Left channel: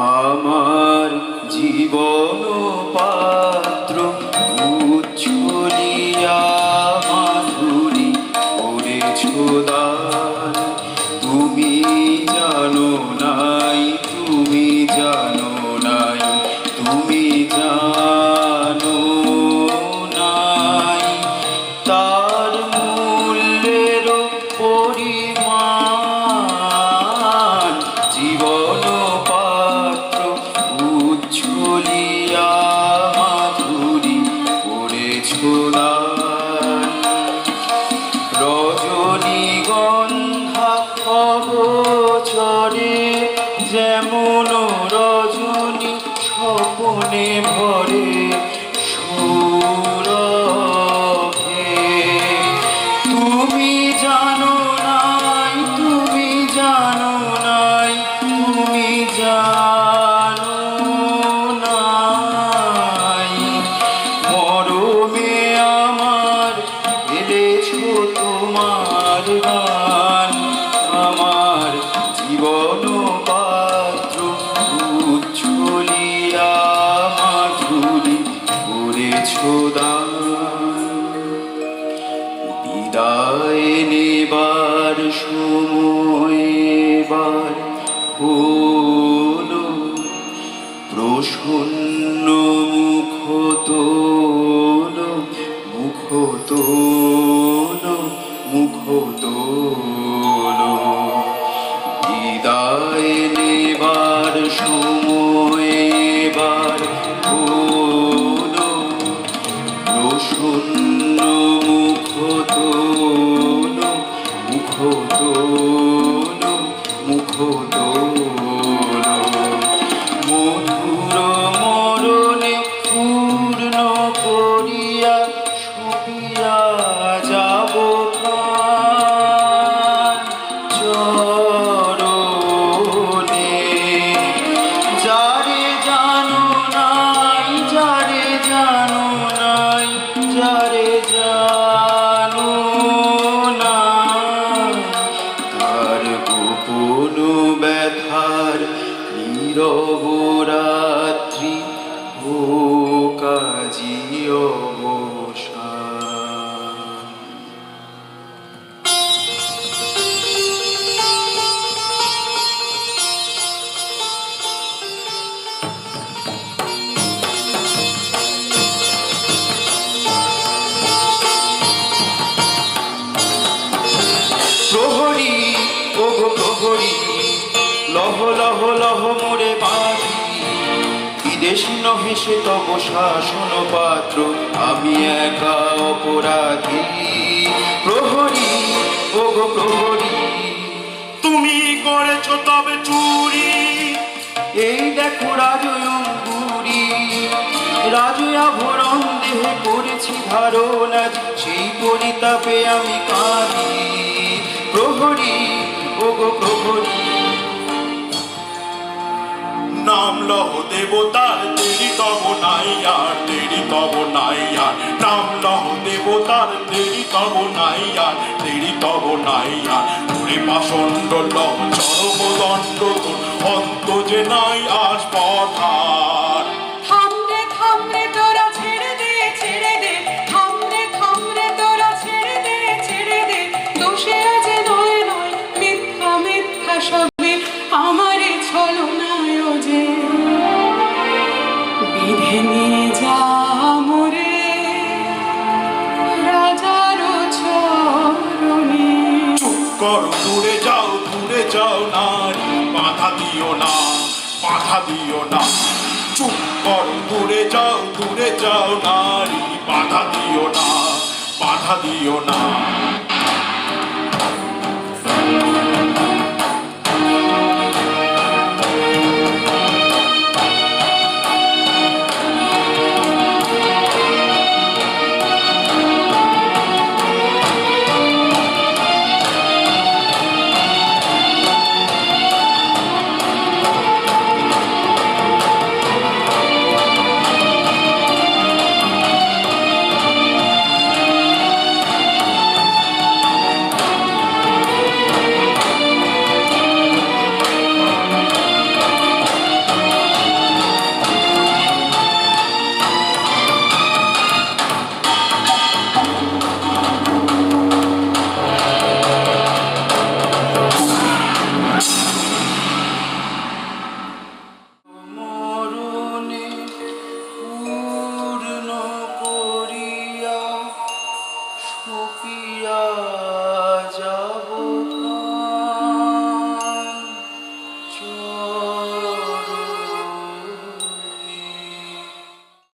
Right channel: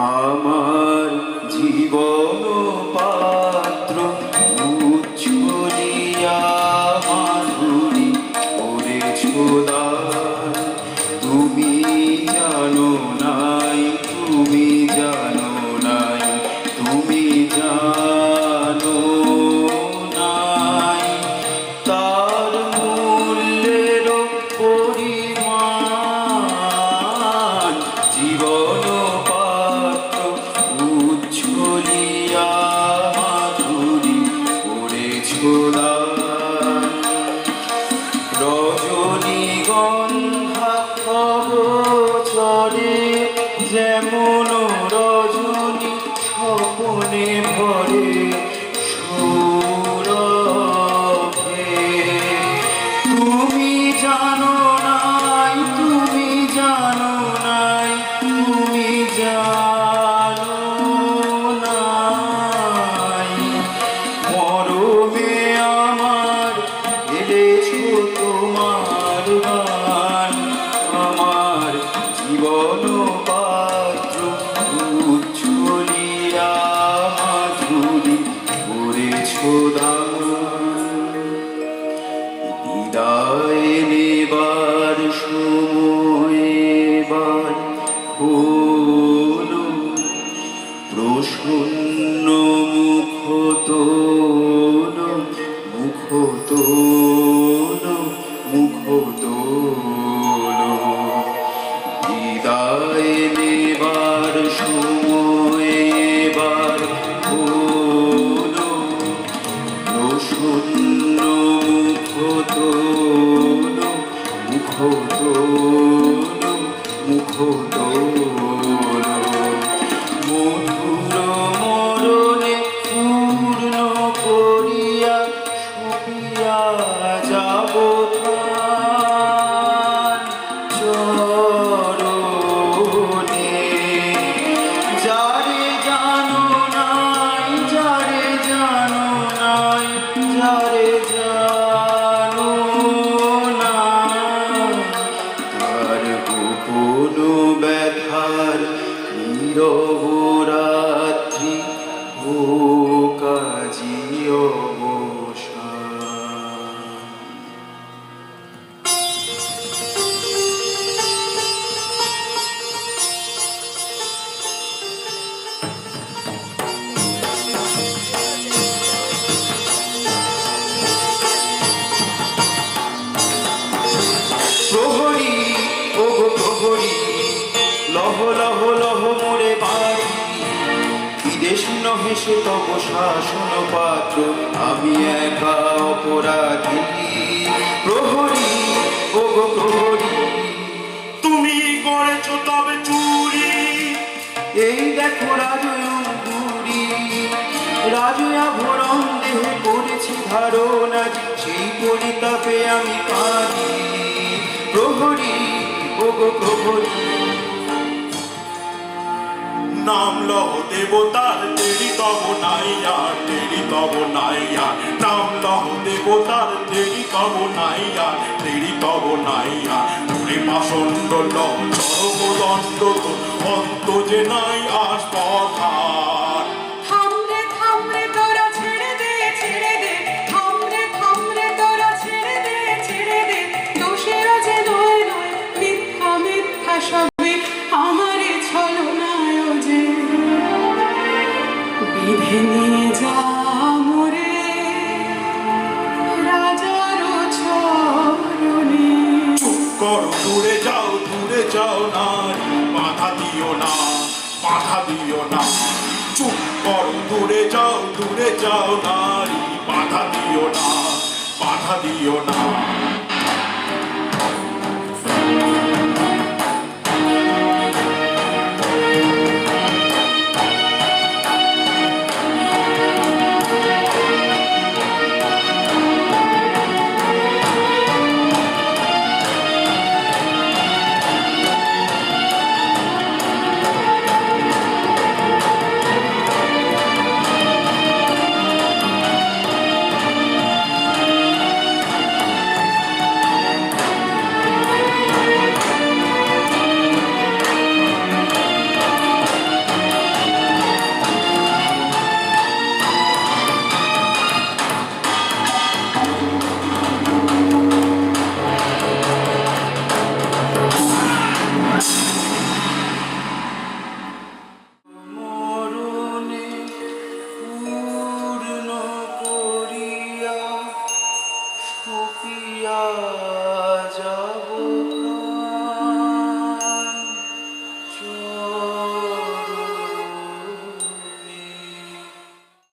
আমার জীবন পাত্র উচ্ছলিয়া মাধুরী করেছ দান। তুমি জানো নাই, তুমি জানো নাই, তুমি জানো নাই তার মূল্যের পরিমাণ। জীবন পাত্র উচ্ছলিয়া মাধুরী করেছ দান। রজনীগন্ধা অগোচরে যেমন রজনী স্বপনে ভরে সৌরভে। তুমি জানো নাই, তুমি জানো নাই, তুমি জানো নাই মরমে আমার এনেছ তোমার গান। আমার জীবন পাত্র উচ্ছলিয়া মাধুরী করেছ দান। বিদায় নেবার সময় এবার হলো, প্রসন্ন মুখ তোল, মুখ তোল, মুখ তোল। বিদায় নেবার সময় এবার হলো, প্রসন্ন মুখ তোল, মুখ তোল, মুখ তোল। মধুর মরণে পূর্ণ করিয়া সপিয়া যাব প্রাণ চরণে। যারে জানো নাই, যারে জানো নাই, যারে জানো নাই তার গোপন ব্যথার নীরব রাত্রি হোক আজি অবসান। প্রহরী ওগো প্রহরী, লহ লহ লহ মোরে বাড়ি। বিদেশ নহে সে তব শাসন পাত্র, আমি একা অপরাধী। প্রহরী ওগো প্রহরী, তুমি করেছ তবে চুরি। এই দেখো রাজুরি, রাজু আভরণ দেহে করেছি ধারণ, আজ সেই পরিতাপে আমি কাঁদি। প্রহরী ওগো প্রহরী, নাম লহ দেবতার দেরি তব নাই আর, দেরি তব নাই আর। নাম লহ দেবতার দেরি তব নাই আর, দেরি তব নাই আর। ওরে পাষণ্ড লহ চরম দণ্ড, অন্ত যে নাই আজ পথার। থামরে থামরে তোরা ছেড়ে দে, ছেড়ে দে, থামরে থামরে তোরা ছেড়ে দে, ছেড়ে দে। দোষেরা যে নয় নয়, মিথ্যা মিথ্যা সবে আমারই ছলনায় যে বিধে নিয়ে যা মোরে রাজার চরণে। চুপ করো, দূরে যাও, দূরে যাও নারী, বাধা দিও না, বাধা দিও না। চুপ করো, দূরে যাও, দূরে যাও নারী, বাধা দিও না, বাধা দিও না।